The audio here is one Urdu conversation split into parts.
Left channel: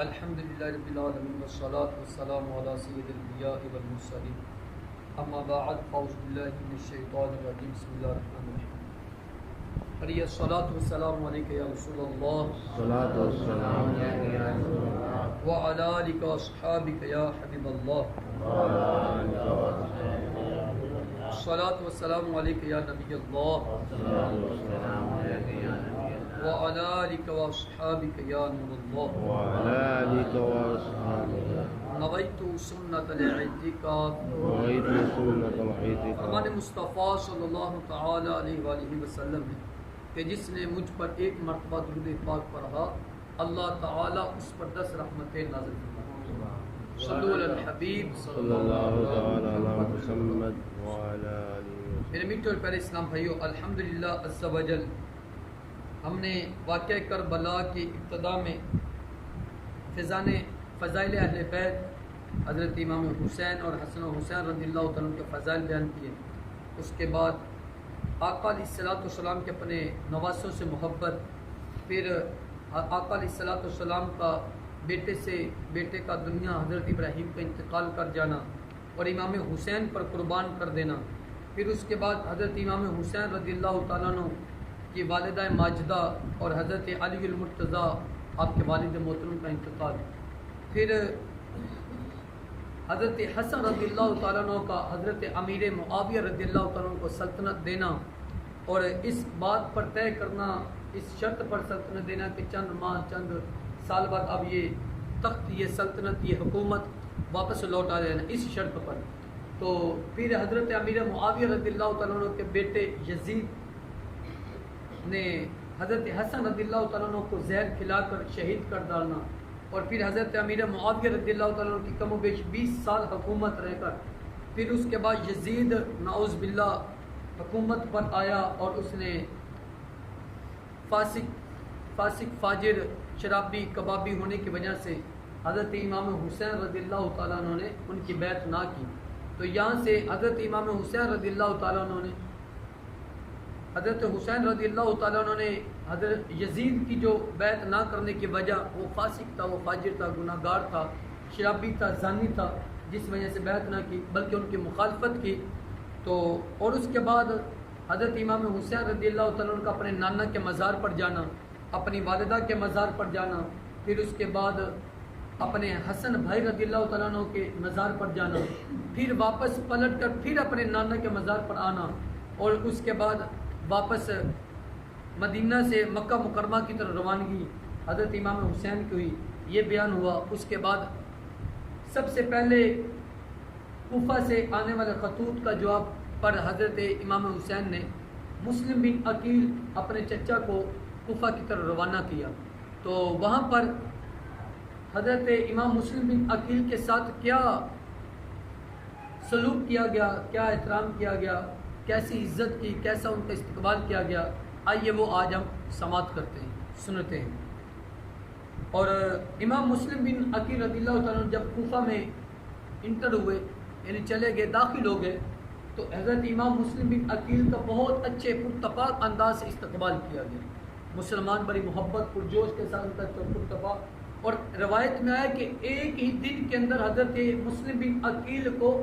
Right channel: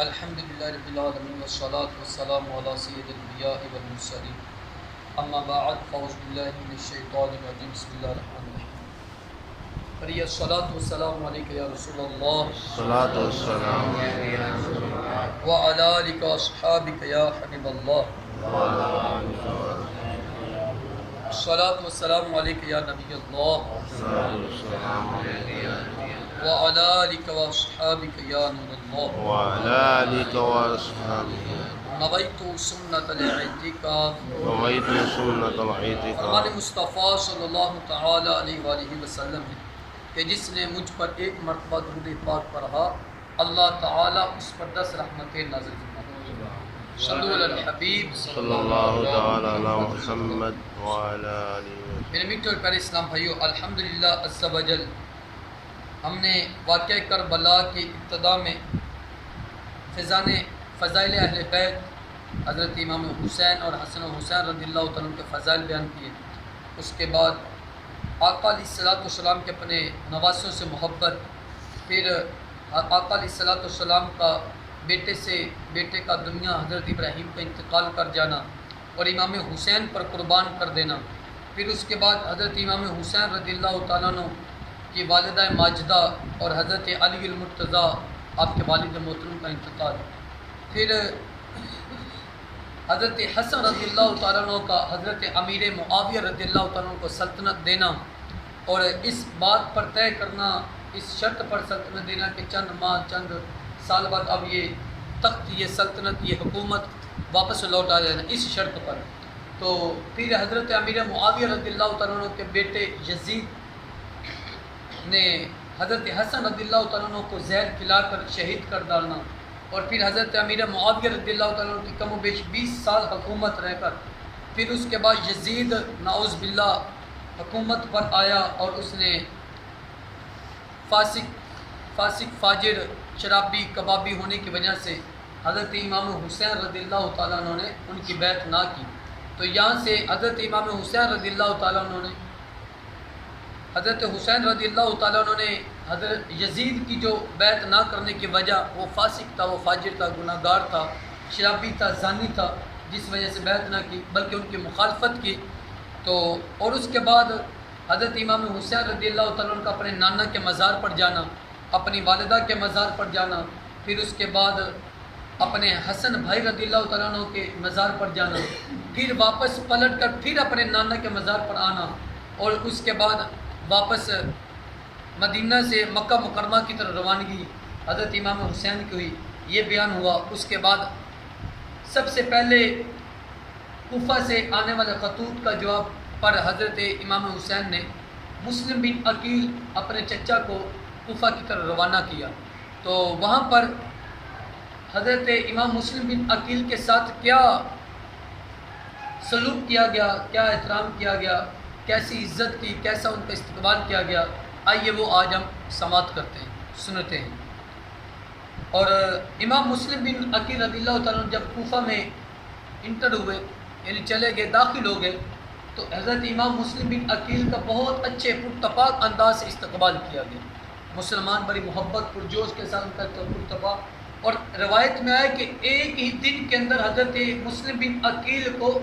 الحمد للہ رب العالمین والصلاة والسلام علی سید الانبیاء والمرسلین اما بعد فاعوذ باللہ من الشیطان الرجیم بسم اللہ الرحمن الرحیم فریہ الصلاة والسلام علیکہ یا رسول اللہ الصلاة والسلام علیکہ یا رسول اللہ وعلی آلک واصحابک یا حبیب اللہ وعلی آلک واصحابک الصلاة والسلام علیکہ یا نبی اللہ الصلاة والسلام علیکہ یا نبی اللہ وعلی آلک واصحابک یا نور اللہ وعلی آلک واصحابک نویت سنت الاعتکاف نویت سنت الاعتکاف فرمان مصطفیٰ صلی اللہ تعالی علیہ وآلہ وسلم ہے کہ جس نے مجھ پر ایک مرتبہ درود پاک پڑھا اللہ تعالی اس پر 10 رحمتیں نازل فرمائے. صلو علی الحبیب صلی اللہ تعالی علی محمد وعلی آلہ. میرے میٹھے اور پیارے اسلام بھائیو، الحمدللہ عز و جل ہم نے واقعہ کربلا کی ابتدا میں فضائل اہل بیت حضرت امام حسین اور حسن و حسین رضی اللہ تعالیٰ کے فضائل بیان کیے. اس کے بعد آقا علیہ الصلوۃ والسلام کے اپنے نواسوں سے محبت، پھر آقا علیہ الصلوۃ والسلام کا بیٹے کا دنیا حضرت ابراہیم کا انتقال کر جانا اور امام حسین پر قربان کر دینا، پھر اس کے بعد حضرت امام حسین رضی اللہ تعالیٰ عنہ کی والدہ ماجدہ اور حضرت علی المرتضیٰ آپ کے والد محترم کا انتقال، پھر حضرت حسن رضی اللہ تعالیٰ عنہ کا حضرت امیر معاویہ رضی اللہ تعالیٰ عنہ کو سلطنت دینا اور اس بات پر طے کرنا، اس شرط پر سلطنت دینا کہ چند ماہ چند سال بعد اب یہ تخت، یہ سلطنت، یہ حکومت واپس لوٹا جانا اس شرط پر. تو پھر حضرت امیر معاویہ رضی اللہ تعالیٰ عنہ کے بیٹے یزید نے حضرت حسن رضی اللہ تعالیٰ عنہ کو زہر کھلا کر شہید کر ڈالنا، اور پھر حضرت امیر معاویہ رضی اللہ تعالیٰ عنہ کی کم و بیش 20 سال حکومت رہ کر پھر اس کے بعد یزید نعوذ باللہ حکومت پر آیا اور اس نے فاسق فاجر شرابی کبابی ہونے کی وجہ سے حضرت امام حسین رضی اللہ تعالیٰ عنہ نے ان کی بیعت نہ کی. تو یہاں سے حضرت امام حسین رضی اللہ تعالیٰ عنہ نے حضرت حسین رضی اللہ تعالیٰ عنہ نے حضرت یزید کی جو بیعت نہ کرنے کی وجہ، وہ فاسق تھا، وہ فاجر تھا، گناہ گار تھا، شرابی تھا، زانی تھا، جس وجہ سے بیعت نہ کی بلکہ ان کی مخالفت کی. تو اور اس کے بعد حضرت امام حسین رضی اللہ تعالیٰ عنہ کا اپنے نانا کے مزار پر جانا، اپنی والدہ کے مزار پر جانا، پھر اس کے بعد اپنے حسن بھائی رضی اللہ تعالیٰ عنہ کے مزار پر جانا، پھر واپس پلٹ کر پھر اپنے نانا کے مزار پر آنا، اور اس کے بعد واپس مدینہ سے مکہ مکرمہ کی طرف روانگی حضرت امام حسین کی ہوئی. یہ بیان ہوا. اس کے بعد سب سے پہلے کوفہ سے آنے والے خطوط کا جواب پر حضرت امام حسین نے مسلم بن عقیل اپنے چچا کو کوفہ کی طرف روانہ کیا. تو وہاں پر حضرت امام مسلم بن عقیل کے ساتھ کیا سلوک کیا گیا، کیا احترام کیا گیا، کیسی عزت کی، کیسا ان کا استقبال کیا گیا، آئیے وہ آج ہم سماعت کرتے ہیں، سنتے ہیں. اور امام مسلم بن عقیل رضی اللہ تعالیٰ عنہ جب کوفہ میں انٹر ہوئے، یعنی چلے گئے، داخل ہو گئے، تو حضرت امام مسلم بن عقیل کا بہت اچھے پرتپاک انداز سے استقبال کیا گیا. مسلمان بڑی محبت پرجوش کے ساتھ ان کا پرتپاک، اور روایت میں آیا کہ ایک ہی دن کے اندر حضرت مسلم بن عقیل کو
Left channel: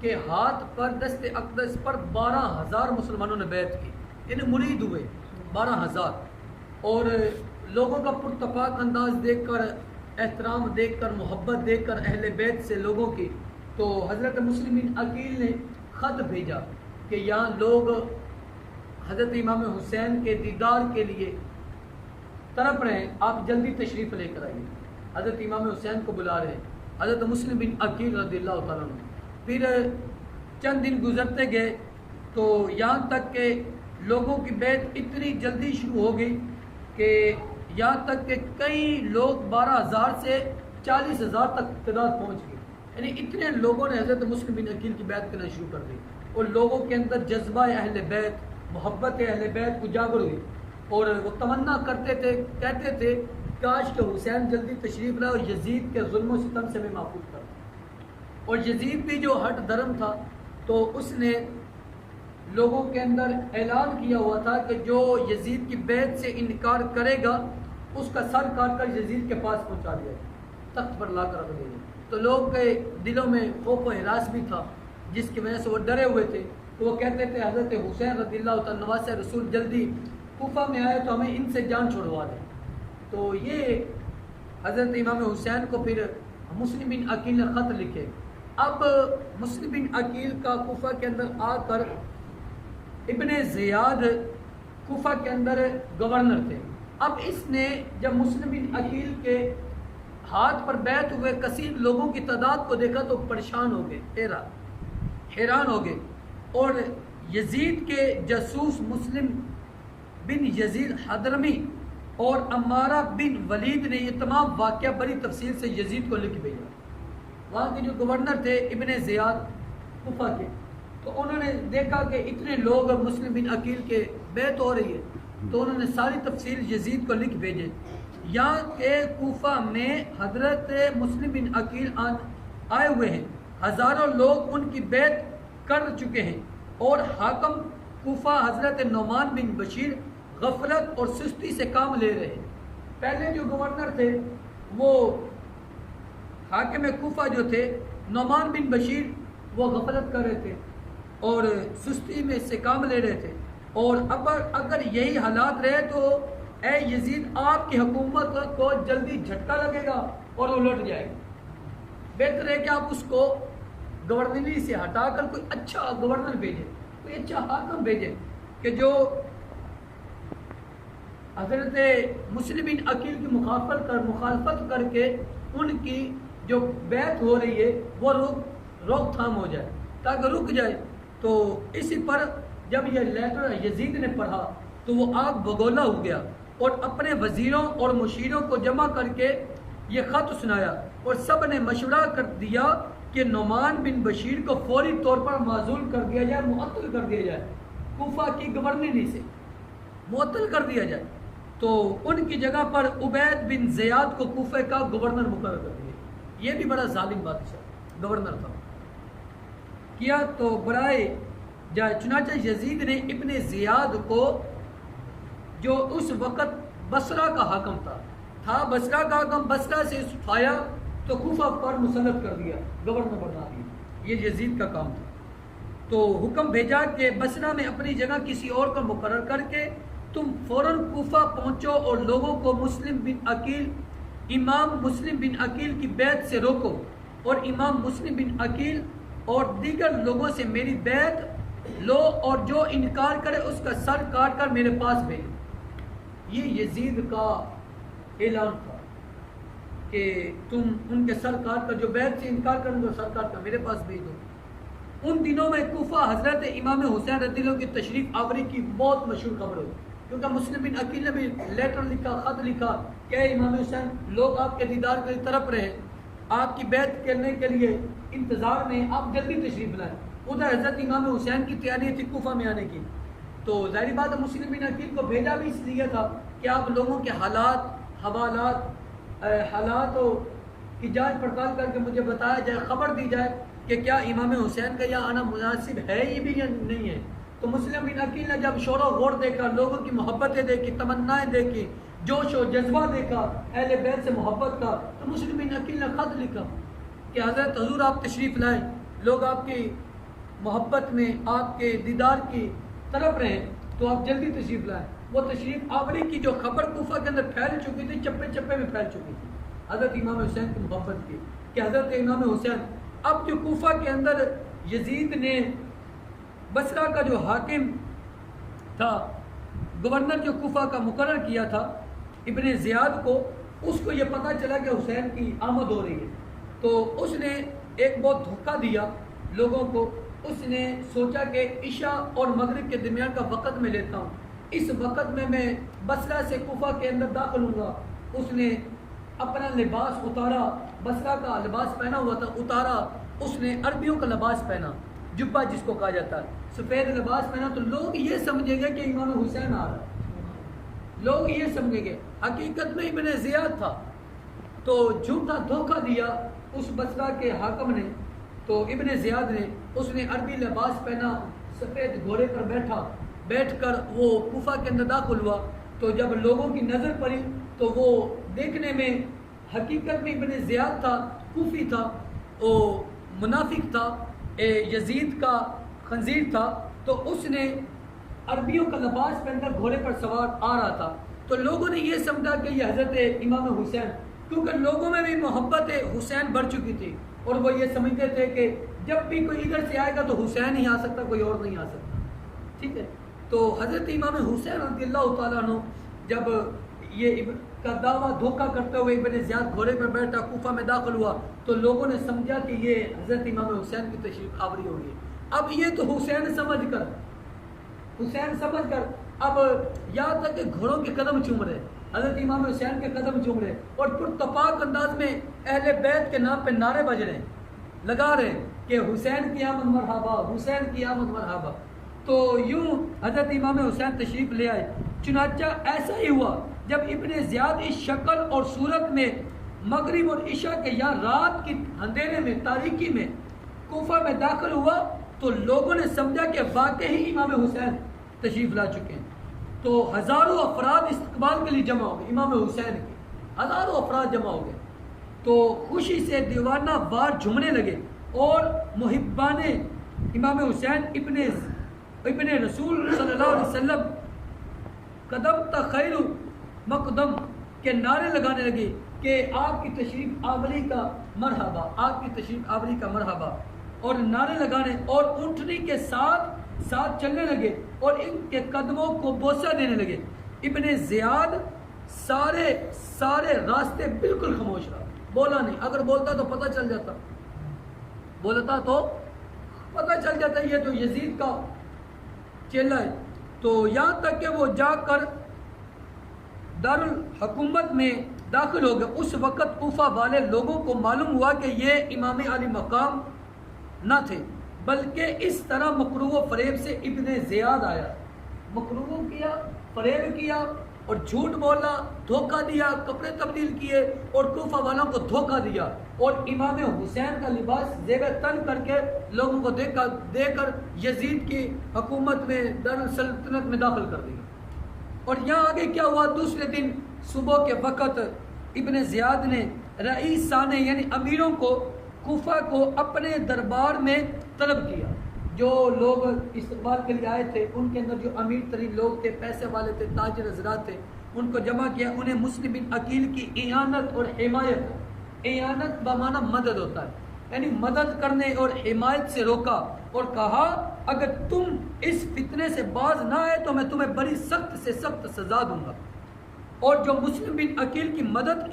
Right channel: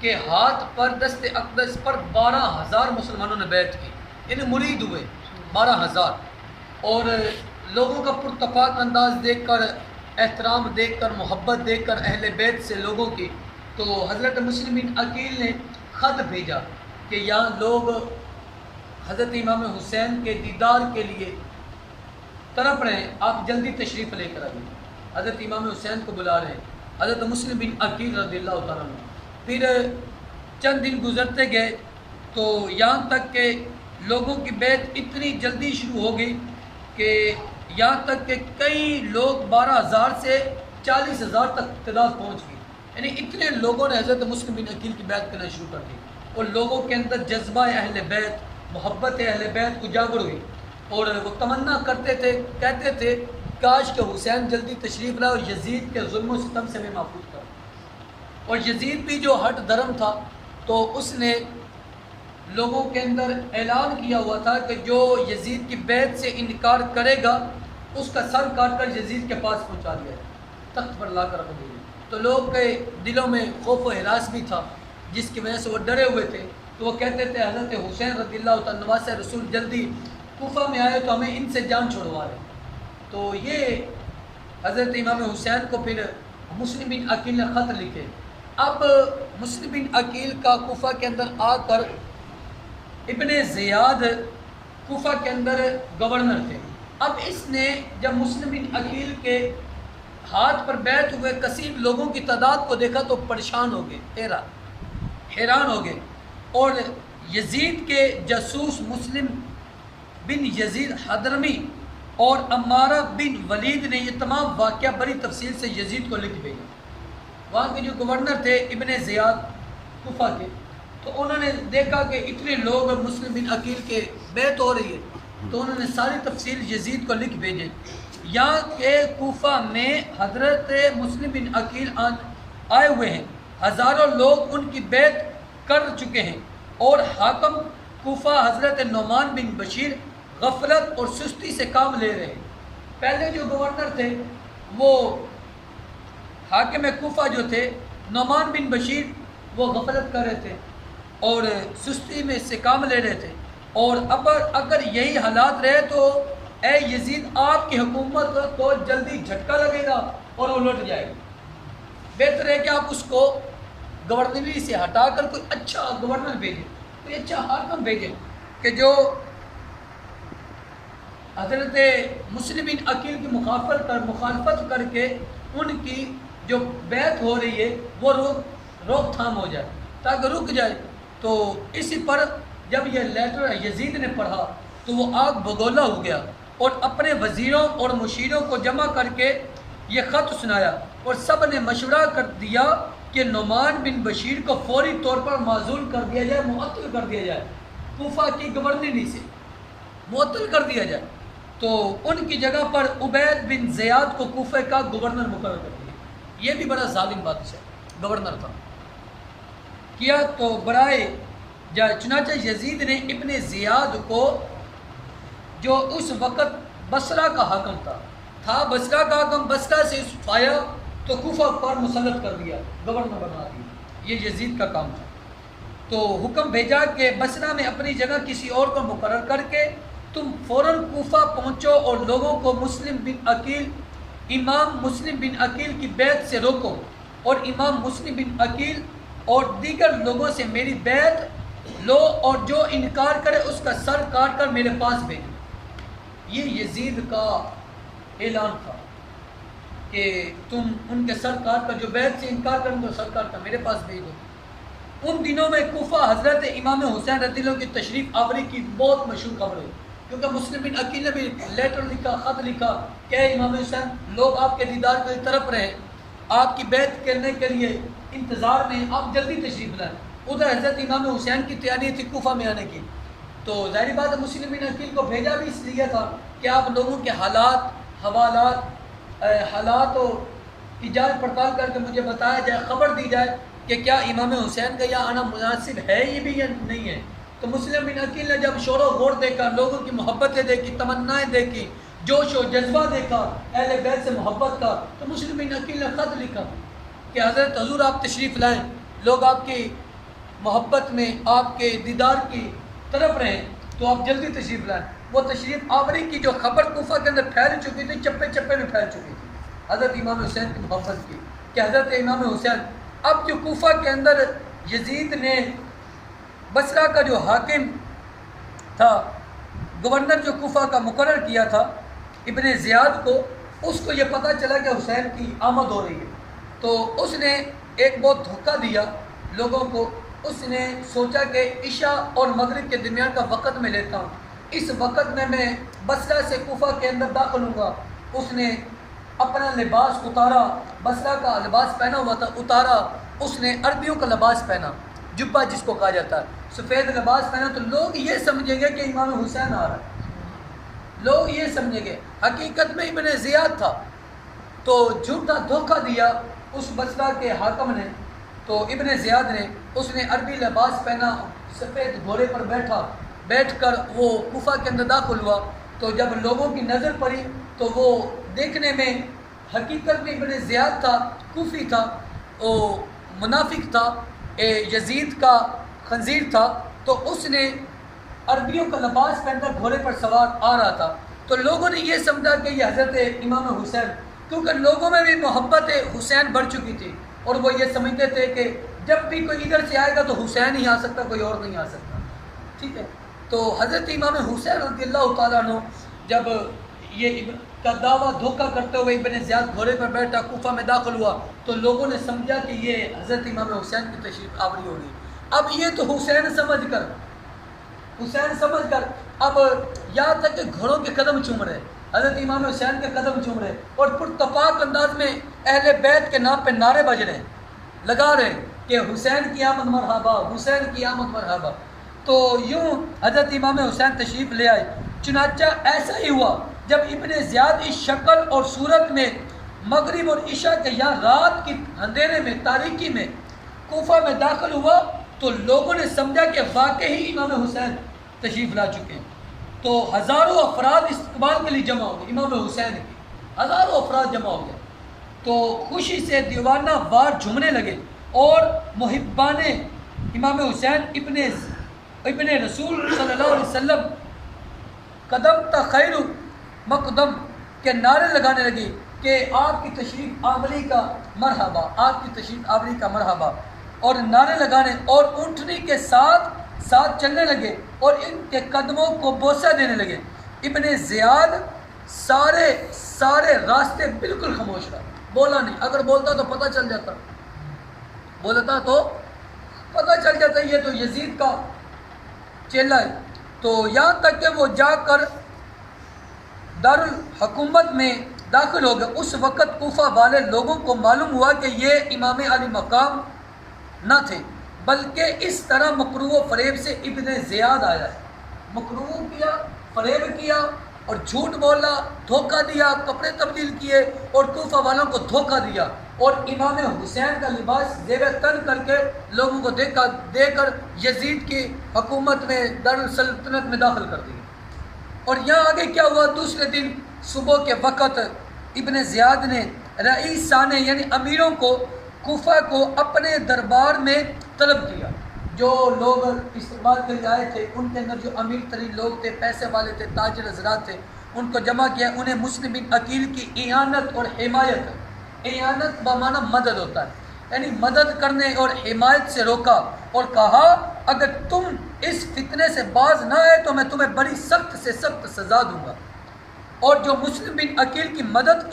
کے ہاتھ پر دست اقدس پر 12,000 مسلمانوں نے بیعت کی، یعنی مرید ہوئے 12,000. اور لوگوں کا پرتپاک انداز دیکھ کر، احترام دیکھ کر، محبت دیکھ کر اہل بیت سے لوگوں کی، تو حضرت مسلم بن عقیل نے خط بھیجا کہ یہاں لوگ حضرت امام حسین کے دیدار کے لیے تڑپ رہے ہیں، آپ جلدی تشریف لے کر آئیے. حضرت امام حسین کو بلا رہے ہیں حضرت مسلم بن عقیل رضی اللہ تعالیٰ عنہ. پھر چند دن گزرتے گئے تو یہاں تک کہ لوگوں کی بیعت اتنی جلدی شروع ہو گئی کہ یہاں تک کہ کئی لوگ 12,000 سے 40,000 تک تعداد پہنچ گئی. یعنی اتنے لوگوں نے حضرت مسلم بن عقیل کی بیعت کرنا شروع کر دی، اور لوگوں کے اندر جذبہ اہل بیت، محبت اہل بیت اجاگر ہوئی، اور وہ تمنا کرتے تھے، کہتے تھے کاش کہ حسین جلدی تشریف لائے اور یزید کے ظلم و ستم سے میں محفوظ کرا. اور یزید بھی جو ہٹ دھرم تھا، تو اس نے لوگوں کے اندر اعلان کیا ہوا تھا کہ جو یزید کی بیعت سے انکار کرے گا اس کا سر کاٹ کر یزید کے پاس پہنچا دیا ہے. تخت پر لا کر رکھ دیا جائے۔ تو لوگ کے دلوں میں خوف و ہراس بھی تھا، جس کی وجہ سے وہ ڈرے ہوئے تھے۔ تو وہ کہتے تھے حضرت حسین رضی اللہ تعالیٰ نواز رسول جلدی کوفہ میں آئے تو ہمیں ان سے جان چھڑوا لیں۔ تو یہ حضرت امام حسین کو پھر مسلم بن عقیل نے خط لکھے۔ اب مسلم بن عقیل کا کوفہ کے اندر آ کر ابن زیاد کوفہ کے اندر گورنر تھے۔ اب اس نے جب مسلم بن عقیل کے ہاتھ پر بیعت ہوئے کثیر لوگوں کی تعداد کو دیکھا تو پریشان ہو گئے، حیران ہو گئے، اور یزید کے جاسوس مسلم بن یزید حضرمی اور عمارہ بن ولید نے یہ تمام واقعہ بڑی تفصیل سے یزید کو لکھ بھیجا۔ وہاں کے جو گورنر تھے ابن زیاد کوفہ کے، تو انہوں نے دیکھا کہ اتنے لوگ مسلم بن عقیل کے بیعت ہو رہی ہے، تو انہوں نے ساری تفصیل یزید کو لکھ بھیجے۔ یہاں کے کوفہ میں حضرت مسلم بن عقیل آئے ہوئے ہیں، ہزاروں لوگ ان کی بیعت کر چکے ہیں، اور حاکم کوفہ حضرت نعمان بن بشیر غفلت اور سستی سے کام لے رہے ہیں۔ پہلے جو گورنر تھے وہ حاکم کوفہ جو تھے نعمان بن بشیر، وہ غفلت کر رہے تھے اور سستی میں سے کام لے رہے تھے، اور اگر یہی حالات رہے تو اے یزید آپ کی حکومت کو جلدی جھٹکا لگے گا اور وہ لٹ جائے گا۔ بہتر ہے کہ آپ اس کو گورنری سے ہٹا کر کوئی اچھا گورنر بھیجیں، کوئی اچھا حاکم بھیجیں کہ جو حضرت مسلم بن عقیل کی مخالفت کر کے ان کی جو بیعت ہو رہی ہے وہ روک تھام ہو جائے، تاکہ رک جائے۔ تو اسی پر جب یہ لیٹر یزید نے پڑھا تو وہ آگ بگولا ہو گیا، اور اپنے وزیروں اور مشیروں کو جمع کر کے یہ خط سنایا، اور سب نے مشورہ کر دیا کہ نعمان بن بشیر کو فوری طور پر معزول کر دیا جائے، معطل کر دیا جائے، کوفہ کی گورنری سے معطل کر دیا جائے۔ تو ان کی جگہ پر عبید بن زیاد کو کوفہ کا گورنر مقرر کر دیا۔ یہ بھی بڑا ظالم بادشاہ گورنر تھا کیا تو برائے جائے۔ چنانچہ یزید نے ابن زیاد کو، جو اس وقت بصرہ کا حاکم تھا بصرہ کا حاکم، بصرہ سے اٹھایا تو کوفہ پر مسلط کر دیا، گورنر بنا دیا۔ یہ یزید کا کام تھا۔ تو حکم بھیجا کہ بصرہ میں اپنی جگہ کسی اور کو مقرر کر کے تم فوراً کوفہ پہنچو اور لوگوں کو امام مسلم بن عقیل کی بیعت سے روکو، اور امام مسلم بن عقیل اور دیگر لوگوں سے میری بیعت لو، اور جو انکار کرے اس کا سر کاٹ کر میرے پاس بھیجو۔ یہ یزید کا اعلان تھا کہ تم ان کے سر کاٹ کر، جو بیعت سے انکار کریں ان کو سر کاٹ کر میرے پاس بھیج دو۔ ان دنوں میں کوفہ حضرت امام حسین رضی اللہ کی تشریف آوری کی بہت مشہور خبر ہوئی، کیونکہ مسلم بن عقیل نے بھی لیٹر لکھا، خط لکھا کہ اے امام حسین، لوگ آپ کے دیدار کی طرف رہے، آپ کی بیعت کرنے کے لیے انتظار میں، آپ جلدی تشریف لائیں۔ ادھر حضرت امام حسین کی تیاری تھی کوفہ میں آنے کی، تو ظاہری بات مسلم بن عقیل کو بھیجا بھی اس لیے تھا کہ آپ لوگوں کے حالات کی جانچ پڑتال کر کے مجھے بتایا جائے، خبر دی جائے کہ کیا امام حسین کا یہاں آنا مناسب ہے یہ بھی یا نہیں ہے۔ تو مسلم بن عقیل نے جب شور و غور دیکھا، لوگوں کی محبتیں دیکھی، تمنائیں دیکھی، جوش و جذبہ دیکھا اہل بیت سے محبت کا، تو مسلم بن عقیل نے خط لکھا کہ حضرت حضور آپ تشریف لائیں، لوگ آپ کی محبت میں، آپ کے دیدار کی طرف رہیں، تو آپ جلدی تشریف لائیں۔ وہ تشریف آوری کی جو خبر کوفہ کے اندر پھیل چکی تھی، چپے چپے میں پھیل چکی تھی حضرت امام حسین کی محبت کی، کہ حضرت امام حسین، اب جو کوفہ کے اندر یزید نے بصرہ کا جو حاکم تھا، گورنر جو کوفہ کا مقرر کیا تھا ابن زیاد کو، اس کو یہ پتہ چلا کہ حسین کی آمد ہو رہی ہے، تو اس نے ایک بہت دھوکہ دیا لوگوں کو۔ اس نے سوچا کہ عشاء اور مغرب کے درمیان کا وقت میں لیتا ہوں، اس وقت میں بصرہ سے کوفہ کے اندر داخل ہوں گا۔ اس نے اپنا لباس اتارا، بصرہ کا لباس پہنا ہوا تھا اتارا، اس نے عربیوں کا لباس پہنا، جبہ جس کو کہا جاتا ہے، سفید لباس پہنا، تو لوگ یہ سمجھیں گے کہ امام حسین آ رہا ہے، لوگ یہ سمجھیں گے، حقیقت میں ابن زیاد تھا۔ تو جھوٹا دھوکہ دیا اس بصرہ کے حاکم نے، تو ابن زیاد نے، اس نے عربی لباس پہنا، سفید گھوڑے پر بیٹھ کر وہ کوفہ کے اندر داخل ہوا۔ تو جب لوگوں کی نظر پڑی تو وہ دیکھنے میں حقیقت میں ابن زیاد تھا، کوفی تھا، وہ منافق تھا، یزید کا خنزیر تھا، تو اس نے عربیوں کا لباس پہن کر گھوڑے پر سوار آ رہا تھا، تو لوگوں نے یہ سمجھا کہ یہ حضرت امام حسین، کیونکہ لوگوں میں بھی محبت حسین بڑھ چکی تھی اور وہ یہ سمجھتے تھے کہ جب بھی کوئی ادھر سے آئے گا تو حسین ہی آ سکتا، کوئی اور نہیں آ سکتا، ٹھیک ہے۔ تو حضرت امام حسین رضی اللہ تعالیٰ عنہ جب یہ کا دعویٰ دھوکہ کرتے ہوئے ابن زیاد گھوڑے پر بیٹھا کوفہ میں داخل ہوا، تو لوگوں نے سمجھا کہ یہ حضرت امام حسین کی تشریف آوری ہوگی۔ اب یہ تو حسین سمجھ کر اب یہاں تک کہ گھوڑوں کے قدم چوم رہے، حضرت امام حسین کے قدم چوم رہے اور پرتپاک انداز میں اہل بیت کے نام پہ نعرے بج رہے، لگا رہے کہ حسین کی آمد مرحبا، حسین کی آمد مرحبا۔ تو یوں حضرت امام حسین تشریف لے آئے۔ چنانچہ ایسا ہی ہوا جب ابن زیاد اس شکل اور صورت میں مغرب اور عشاء کے یہاں رات کی اندھیرے میں، تاریکی میں کوفہ میں داخل ہوا، تو لوگوں نے سمجھا کہ واقعی امام حسین تشریف لا چکے ہیں۔ تو ہزاروں افراد استقبال کے لیے جمع ہو گئے، امام حسین کے ہزاروں افراد جمع ہو گئے، تو خوشی سے دیوانہ وار جھومنے لگے اور محبان امام حسین ابن رسول صلی اللہ علیہ وسلم قدم تا خیر مقدم کے نعرے لگانے لگے کہ آپ کی تشریف آوری کا مرحبا، آپ کی تشریف آوری کا مرحبا، اور نعرے لگانے اور اونٹنی کے ساتھ چلنے لگے اور ان کے قدموں کو بوسہ دینے لگے۔ ابن زیاد سارے راستے بالکل خاموش رہا، بولا نہیں، اگر بولتا تو پتہ چل جاتا، یہ تو یزید کا چیلا ہے۔ تو یہاں تک کہ وہ جا کر دارالحکومت میں داخل ہو گئے۔ اس وقت کوفہ والے لوگوں کو معلوم ہوا کہ یہ امام علی مقام نہ تھے، بلکہ اس طرح مکروہ و فریب سے ابن زیاد آیا ہے۔ مکروہ کیا، فریب کیا اور جھوٹ بولا، دھوکہ دیا، کپڑے تبدیل کیے اور کوفہ والوں کو دھوکہ دیا اور امام حسین کا لباس زیب تن کر کے لوگوں کو دے کر یزید کی حکومت میں دارالسلطنت میں داخل کر دیا۔ اور یہاں آگے کیا ہوا، دوسرے دن صبح کے وقت ابن زیاد نے رئیسان یعنی امیروں کو کوفہ کو اپنے دربار میں طلب کیا۔ جو لوگ استقبال کے لیے آئے تھے ان کے اندر جو امیر ترین لوگ تھے، پیسے والے تھے، تاجر حضرات تھے، ان کو جمع کیا، انہیں مسلم بن عقیل کی اعانت اور حمایت، اعانت بمعنی مدد ہوتا ہے، یعنی مدد کرنے اور حمایت سے روکا اور کہا اگر تم اس فتنے سے باز نہ آئے تو میں تمہیں بڑی سخت سے سخت سزا دوں گا، اور جو مسلم بن عقیل کی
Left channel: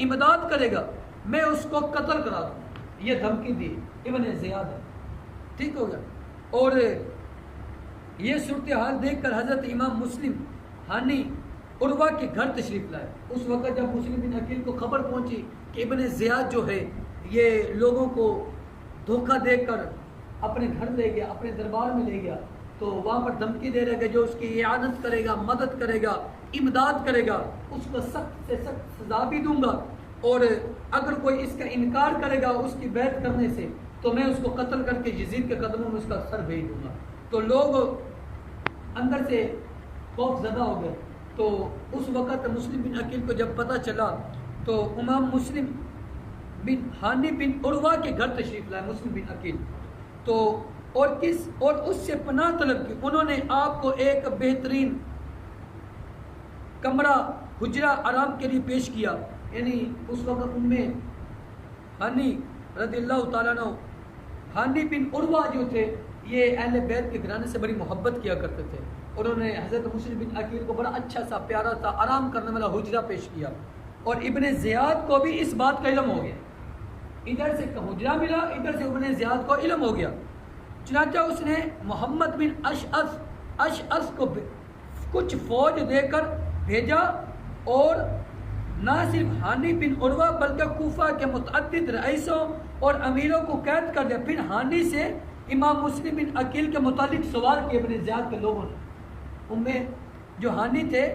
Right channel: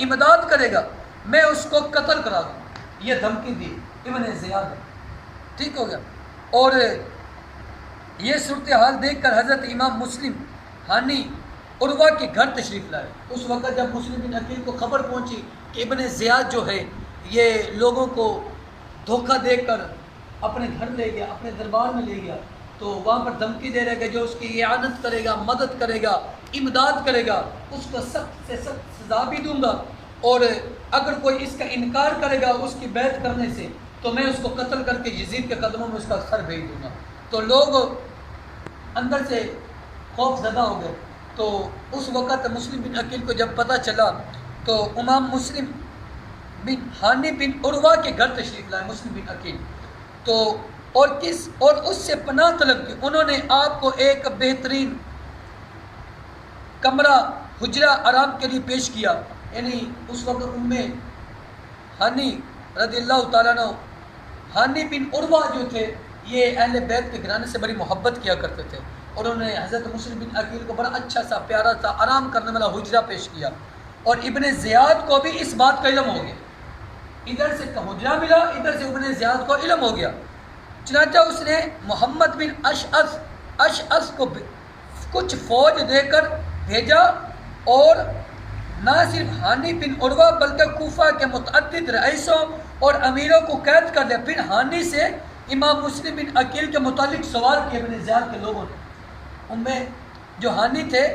امداد کرے گا میں اس کو قتل کرا دوں گا۔ یہ دھمکی دی ابن زیاد، ٹھیک ہو گیا۔ اور یہ صورتحال دیکھ کر حضرت امام مسلم ہانی عروہ کے گھر تشریف لائے۔ اس وقت جب مسلم بن عقیل کو خبر پہنچی کہ ابن زیاد جو ہے یہ لوگوں کو دھوکہ دے کر اپنے گھر لے گیا، اپنے دربار میں لے گیا، تو وہاں پر دھمکی دے رہے کہ جو اس کی اعانت کرے گا، مدد کرے گا، امداد کرے گا، اس کو سخت سے سخت سزا بھی دوں گا، اور اگر کوئی اس کا انکار کرے گا اس کی بیعت کرنے سے تو میں اس کو قتل کر کے یزید کے قدموں میں اس کا سر بھیج دوں گا۔ تو لوگ اندر سے خوف زدہ ہو گئے۔ تو اس وقت مسلم بن عقیل کو جب پتہ چلا تو امام مسلم بن ہانی بن عروہ کے گھر تشریف لائے مسلم بن عقیل، تو اور اس سے پناہ طلب کی۔ انہوں نے آپ کو ایک بہترین کمرہ حجرہ آرام کے لیے پیش کیا، یعنی اس وقت ہانی رضی اللہ تعالیٰ عنہ، ہانی بن عروہ جو تھے یہ اہل بیت کے گھرانے سے بڑی محبت کیا کرتے تھے، اور انہوں نے حضرت مسلم بن عقیل کو بڑا اچھا سا پیارا سا آرام کرنے والا حجرہ پیش کیا، اور ابن زیاد کو بھی اس بات کا علم ہو گیا، ادھر سے حجرہ ملا، ادھر سے ابن زیاد کو علم ہو گیا۔ چنانچہ اس نے محمد بن اشعث کو کچھ فوج دے کر بھیجا، اور نہ صرف ہانی بن عروہ بلکہ کوفہ کے متعدد رئیسوں اور امیروں کو قید کر دیا۔ پھر ہانی سے امام مسلم بن عقیل کے متعلق سوال کیے ابن زیاد کے لوگوں نے، ان میں جو ہانی تھے،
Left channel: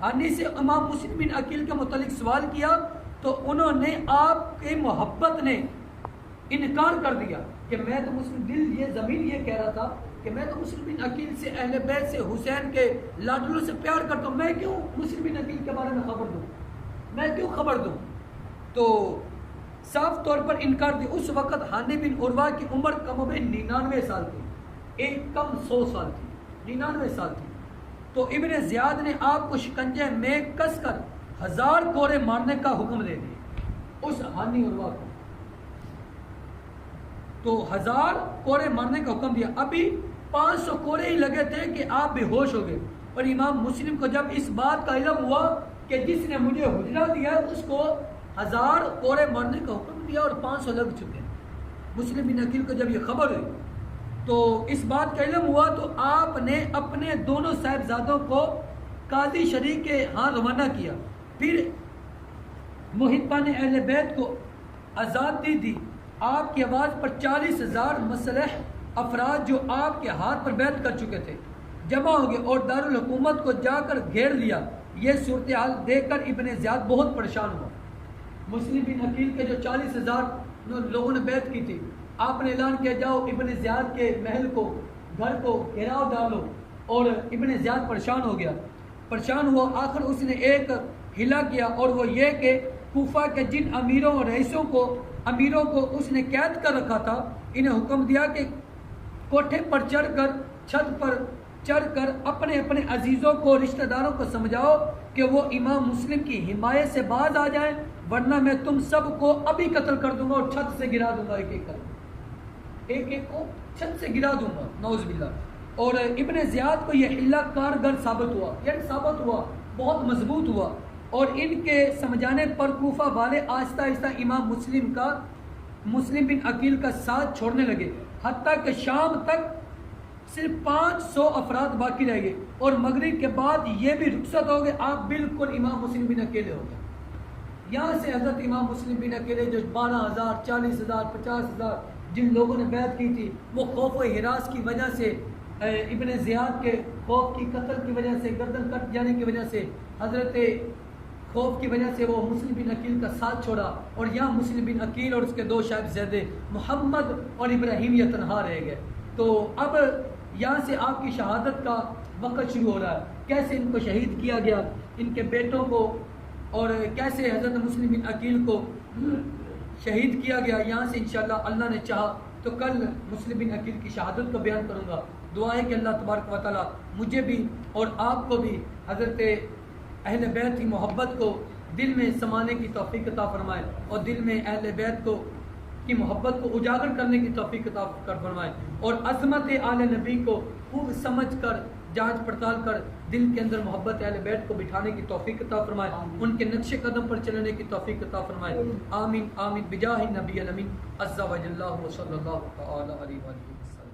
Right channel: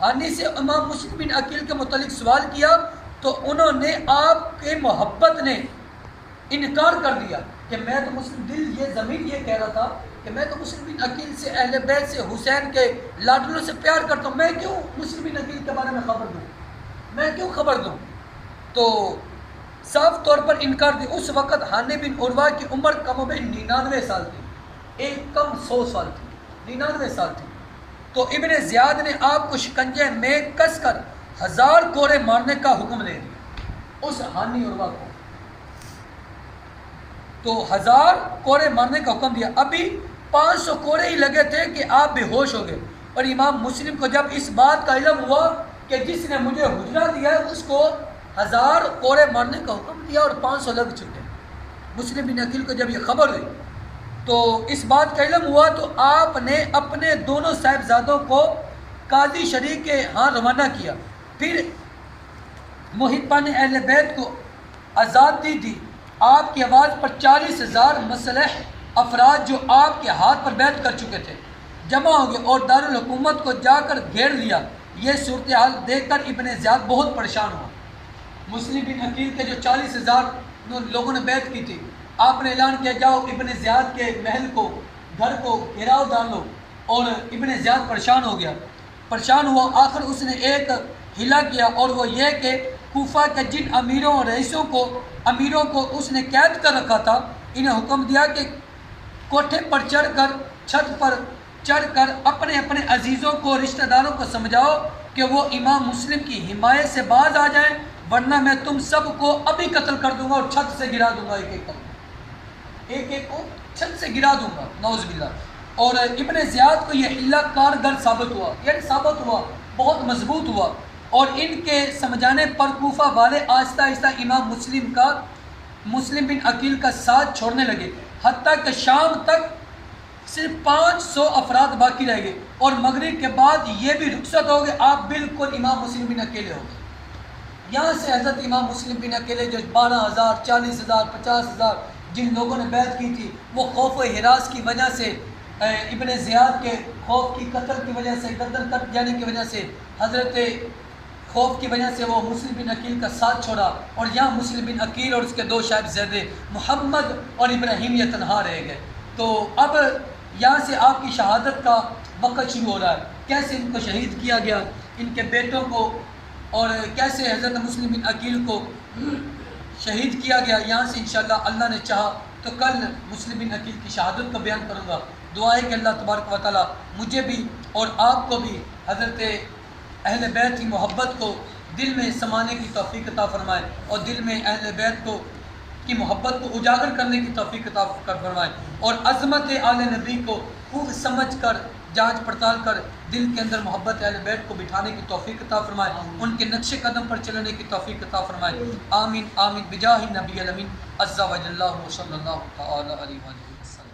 ہانی سے امام مسلم بن عقیل کے متعلق سوال کیا تو انہوں نے آپ کے محبت نے انکار کر دیا کہ میں تو مسلم دل یہ ضمیر یہ کہہ رہا تھا کہ میں تو مسلم بن عقیل سے، اہل بیت سے، حسین کے لاڈلوں سے پیار کرتا ہوں، میں کیوں مسلم بن عقیل کے بارے میں خبر دوں، میں کیوں خبر دوں۔ تو صاف طور پر انکار دی۔ اس وقت ہانی بن عروہ کی عمر کم و بیش 99 سال تھی، ایک کم 100 سال تھی، 99 سال تھی۔ تو ابن زیاد نے آپ کو شکنجے میں کس کر 1000 کوڑے مارنے کا حکم دے دیا اس ہانی عروہ کو، تو 1000 کوڑے مارنے کا حکم دیا۔ ابھی 500 کوڑے ہی لگے تھے کہ آپ بے ہوش ہو گئے، اور امام مسلم کو جب اس بات کا علم ہوا کہ جس نے مجھے حجرہ دیا ہے اس کو 1000 کوڑے مارنے کا حکم دیا اور 500 لگ چکے، مسلم بن عقیل کو جب یہ خبر ہوئی تو اس بات کا علم ہوا تو آپ نے اپنے دونوں صاحبزادوں کو قاضی شریک کے ہاں روانہ کیا، پھر محبان اہل بیت کو آزادی دی۔ آپ کی آواز پر 40,000 مسلح افراد جو آپ کے ہاتھ پر بیعت کر چکے تھے جمع ہو گئے اور دارالحکومت کو جا کر گھیر لیا۔ یہ صورتحال دیکھ کر ابن زیاد بہت پریشان ہوا۔ مسلم بن عقیل کے جو 40,000 لوگوں نے بیعت کی تھی، آپ نے اعلان کیا جاؤ ابن زیاد کے محل کو، گھر کو گھیراؤ ڈالو، اور ابن زیاد پریشان ہو گیا، پریشان ہوا۔ آخر اس نے ایک حیلہ کیا اور وہ یہ کہ کوفہ کے جن امیروں اور رئیسوں کو اس نے قید کر رکھا تھا، انہیں حکم دیا کہ کوٹھے پر چڑھ کر، چھت پر چڑھ کر اپنے اپنے عزیزوں کو، رشتہ داروں کو سمجھاؤ کہ وہ امام مسلم کی حمایت سے باز آ جائیں، ورنہ میں تم سب کو ابھی قتل کر دوں گا اور چھت سے گرا دوں گا، ایک ایک کو چھت سے گرا دوں گا، نعوذ باللہ۔ اور ابن زیاد کو یہ حیلہ کارگر ثابت ہوا، یعنی ثابت ہوا، بہت مضبوط ہوا، اور ان کے سمجھانے پر کوفہ والے آہستہ آہستہ امام مسلم بن عقیل کا ساتھ چھوڑنے لگے، حتیٰ کہ شام تک صرف 500 افراد باقی رہ گئے، اور مغرب کے بعد یہ بھی رخصت ہو گئے، آپ بالکل امام مسلم بن اکیلے ہو گئے۔ یہاں سے حضرت امام مسلم بن اکیلے جو 12,000 40,000 50,000 جن لوگوں نے بیعت کی تھی، وہ خوف و ہراس کی وجہ سے، ابن زیاد کے خوف کی قتل کی وجہ سے، گردن کٹ جانے کی وجہ سے، حضرت خوف کی وجہ سے وہ مسلم بن عقیل کا ساتھ چھوڑا، اور یہاں مسلم بن عقیل اور اس کے 2 صاحبزادے محمد اور ابراہیم یہ تنہا رہ گئے۔ تو اب یہاں سے آپ کی شہادت کا وقت شروع ہو رہا ہے، کیسے ان کو شہید کیا گیا، ان کے بیٹوں کو، اور کیسے حضرت مسلم بن عقیل کو شہید کیا گیا۔ یہاں سے انشاءاللہ اللہ نے چاہا تو کل مسلم بن عقیل کی شہادت کو بیان کروں گا۔ دعا ہے کہ اللہ تبارک و تعالیٰ مجھے بھی اور آپ کو بھی حضرت اہل بیت کی محبت کو دل میں سمانے کی توفیق عطا فرمائے، اور دل میں اہل بیت کی محبت کو اجاگر کرنے کی توفیق عطا فرمائے، اور عظمت آل نبی کو خوب سمجھ کر، جانچ پڑتال کر دل کے اندر محبت اہل بیت کو بٹھانے کی توفیق عطا فرمائے، ان کے نقش قدم پر چلنے کی توفیق عطا فرمائے۔ آمین آمین بجاہ نبی الامین عز و جل صلی اللہ تعالی علیہ وسلم۔